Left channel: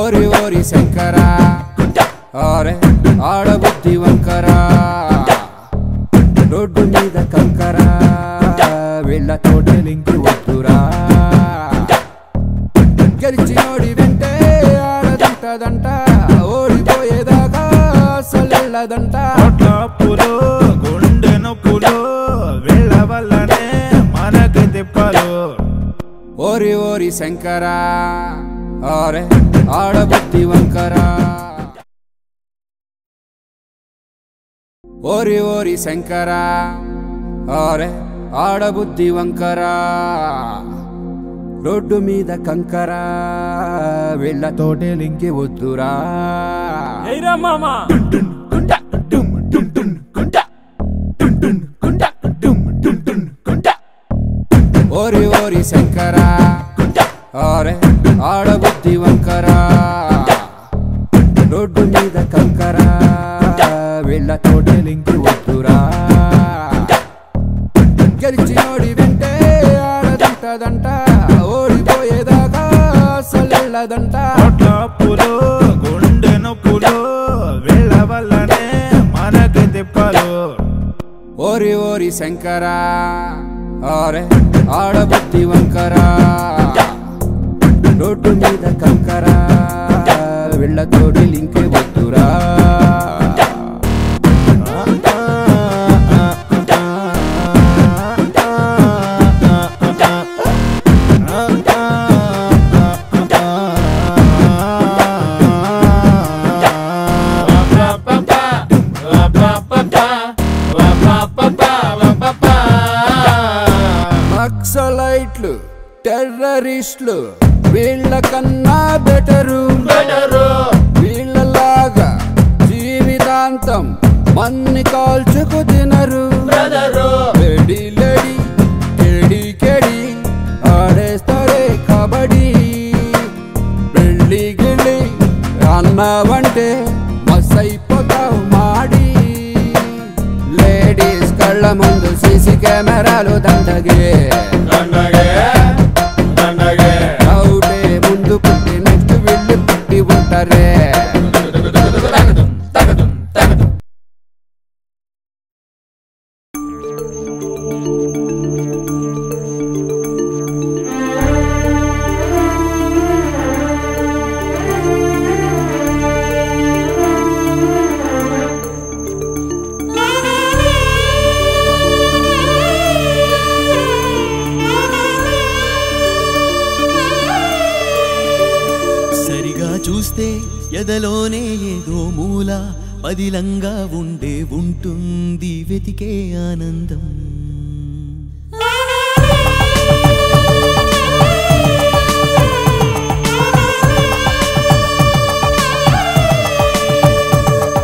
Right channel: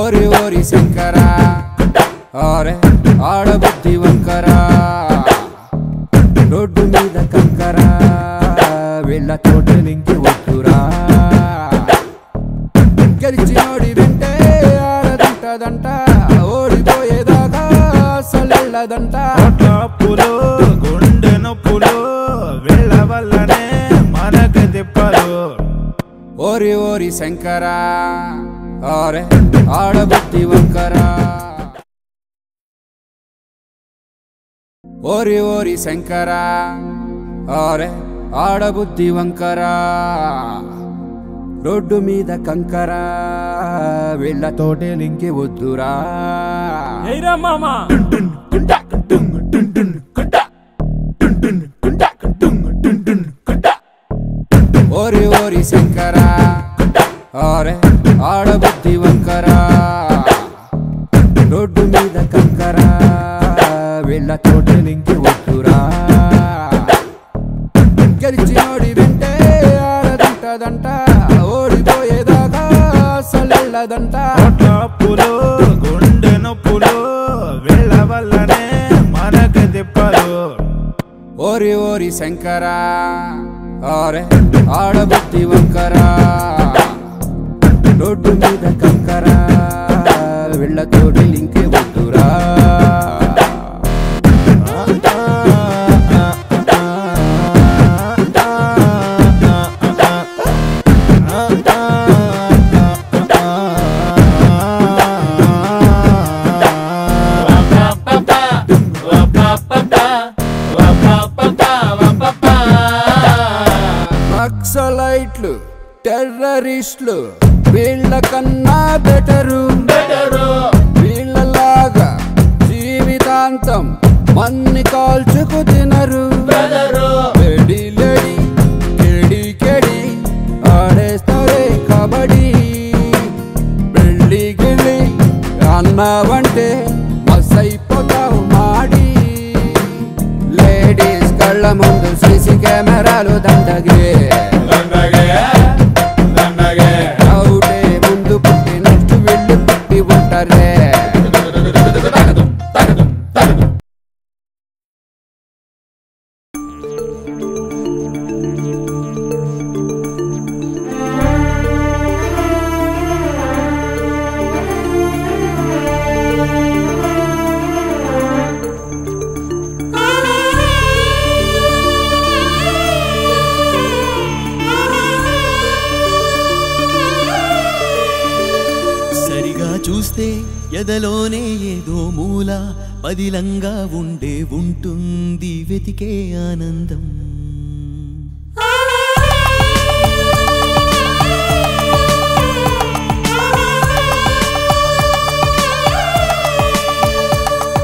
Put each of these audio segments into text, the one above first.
ఓరి ఓరి శంకరా అరే ఆడబుద్ధి వంకరా రోడ్డు మీద కంకరా వీళ్ళ తోటలింకి వద్దురా గెలిచినోడి వెంటే ఆడదంటదంట ఓడిపోయేదాకా అసలెళ్ళదంట అప్పులు గుండె నొప్పులు వీళ్ళ వల్లనే మనకి తిప్పలు ఓరి ఓరి శంకరా అరే ఆడబుద్ధి వంకరా ఓరి ఓరి శంకరా అరే ఆడబుద్ధి వంకరా రోడ్డు మీద కంకరా వీళ్ళ తోటలింకి వద్దురా మామా ఓరి ఓరి శంకరా అరే ఆడబుద్ధి వంకరా రోడ్డు మీద కంకరా వీళ్ళ తోటలింకి వద్దురా గెలిచినోడి వెంటే ఆడదంటదంట ఓడిపోయేదాకా అసలెళ్ళదంట అప్పులు గుండె నొప్పులు వీళ్ళ వల్లనే మనకి తిప్పలు ఓరి ఓరి శంకరా అరే ఆడబుద్ధి వంకరా రోడ్డు మీద కంకరా వీళ్ళ తోటలింకే వద్దురా నక్సలైట్లు టెర్రరిస్టులు వీళ్ళ కన్నా బెటరు వీళ్ళలాగా జీవితాంతం మన్ని కాల్చుకు తినరు లేడీ లేడీ కెడి కెడి ఆడేస్తారే కబడ్డీ పెళ్ళి గిళ్ళి అన్నావంటే మసైపోతావు మాడి లేడీస్ కళ్ళ ముందు సీసీ కెమెరాలు దండగే డౌటే ముందు పుట్టి నెక్స్ట్ వెళ్ళి పుట్టి ఉంటారే చూస్తే ఎదలోనే ఏదో మూల పదిలంగా ఉంటుంది వెతికే ఆనందం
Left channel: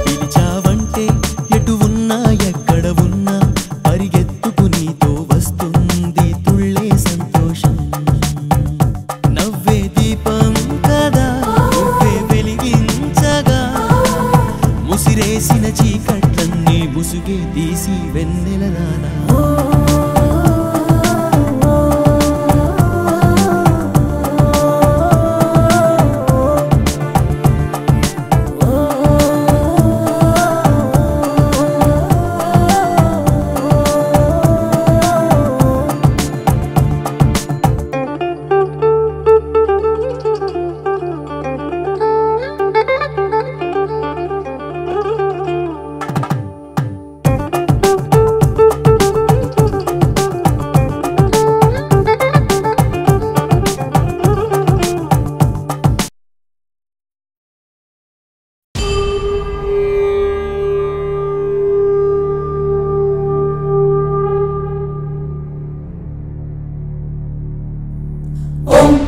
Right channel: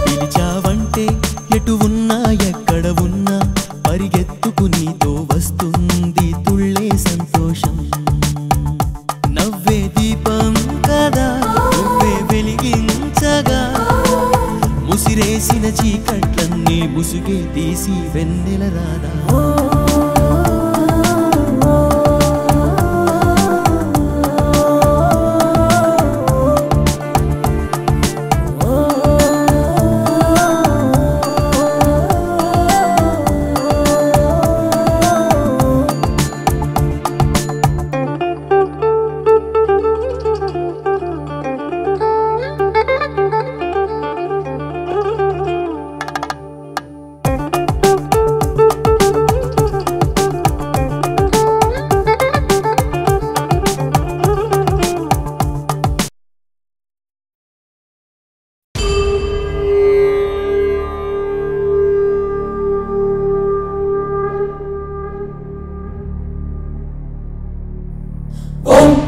పిలిచావంటే ఎటు ఉన్నా ఎక్కడ ఉన్నా పరిగెత్తుకు నీతో వస్తుంది తుళ్ళే సంతోషం నవ్వే దీపం కదా ముసిరేసిన చీకట్లన్నీ ముసుగే తీసి వెన్నెల రాదా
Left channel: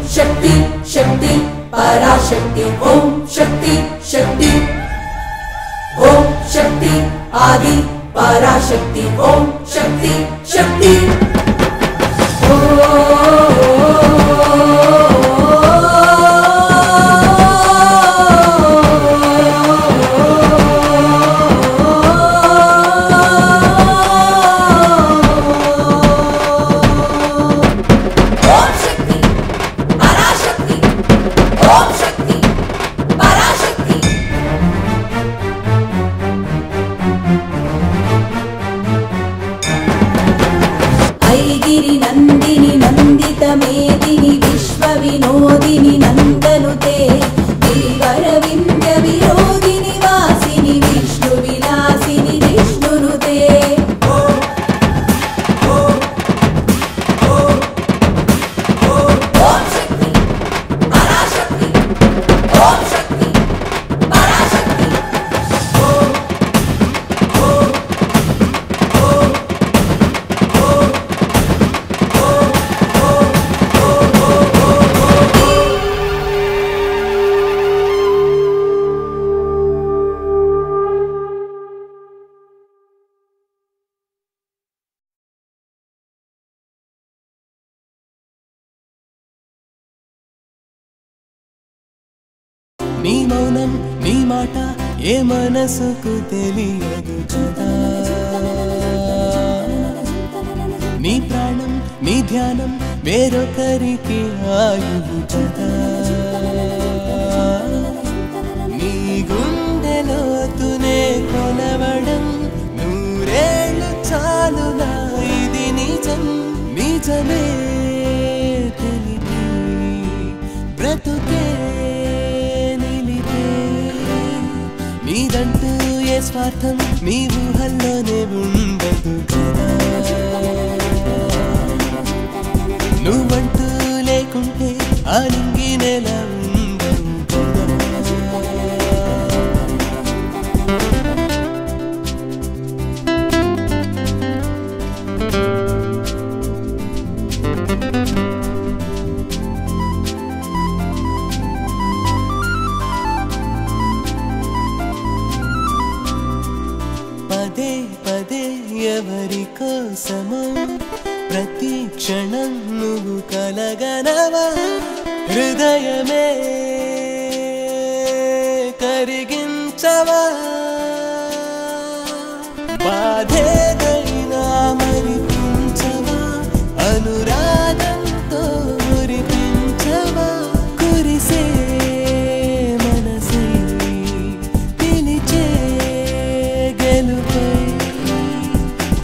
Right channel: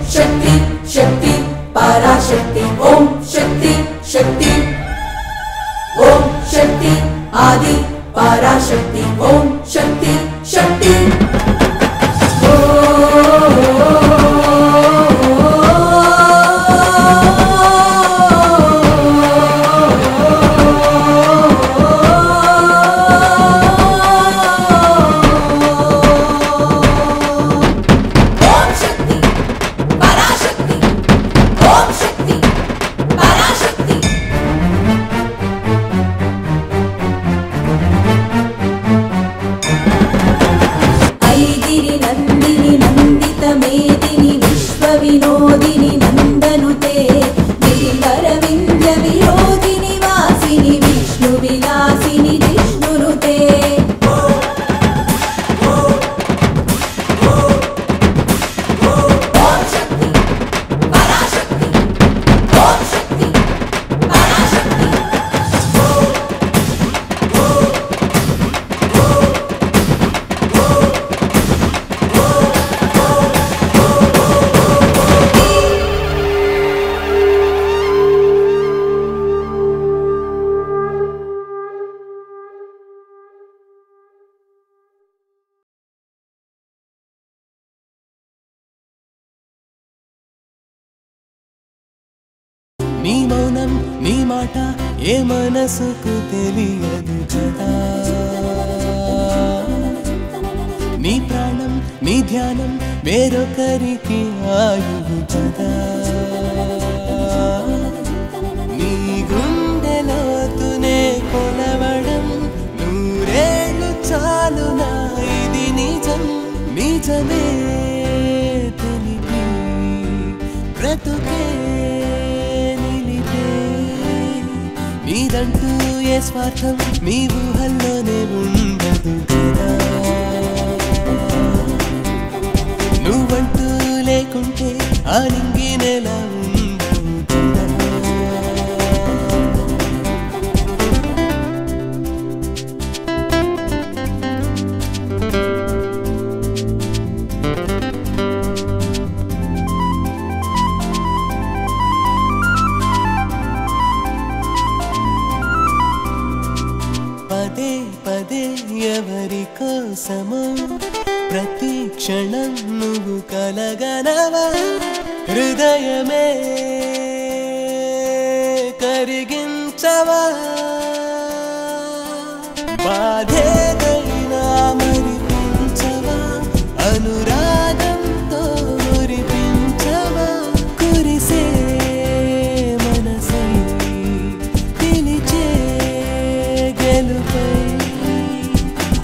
शक्ति शक्ति पराशक्ति ओम शक्ति शक्ति ओम शक्ति आदि पराशक्ति ओम शक्ति शक्ति నీ మౌనం నీ మాట ఏ మనసుకు తెలియదు కదా నీ ప్రాణం నీ ధ్యానం వేరొకరికి ఆయువు కదా నీ గుండెలోతునే కొలవడం నూరేళ్ళు చాలునా ఇది నిజం నిజమే తెలిపి బ్రతుకే నిలిపే నీదంటూ ఏ స్వార్థం నీ ఊహల్లోనే ఉండదు కదా నువ్వంటూ లేకుంటే ఆ నింగి నెల ఉండవు కదా పదే పదే ఎవరి కోసమో ప్రతి క్షణం నువ్వు కలగనవా హృదయమే కరిగించవా బాధేదైనా మరిపించవా అనురాగంతో మురిపించవా కురిసే మనసై పిలిచే గెలుపై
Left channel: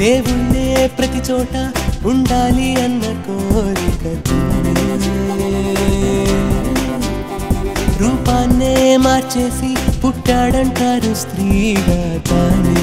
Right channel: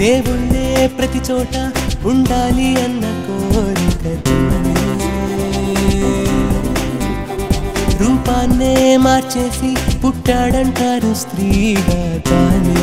దేవుళ్ళే ప్రతి చోట ఉండాలి అన్న కోరికతో రూపాన్నే మార్చేసి పుట్టాడంటారు స్త్రీగా తానే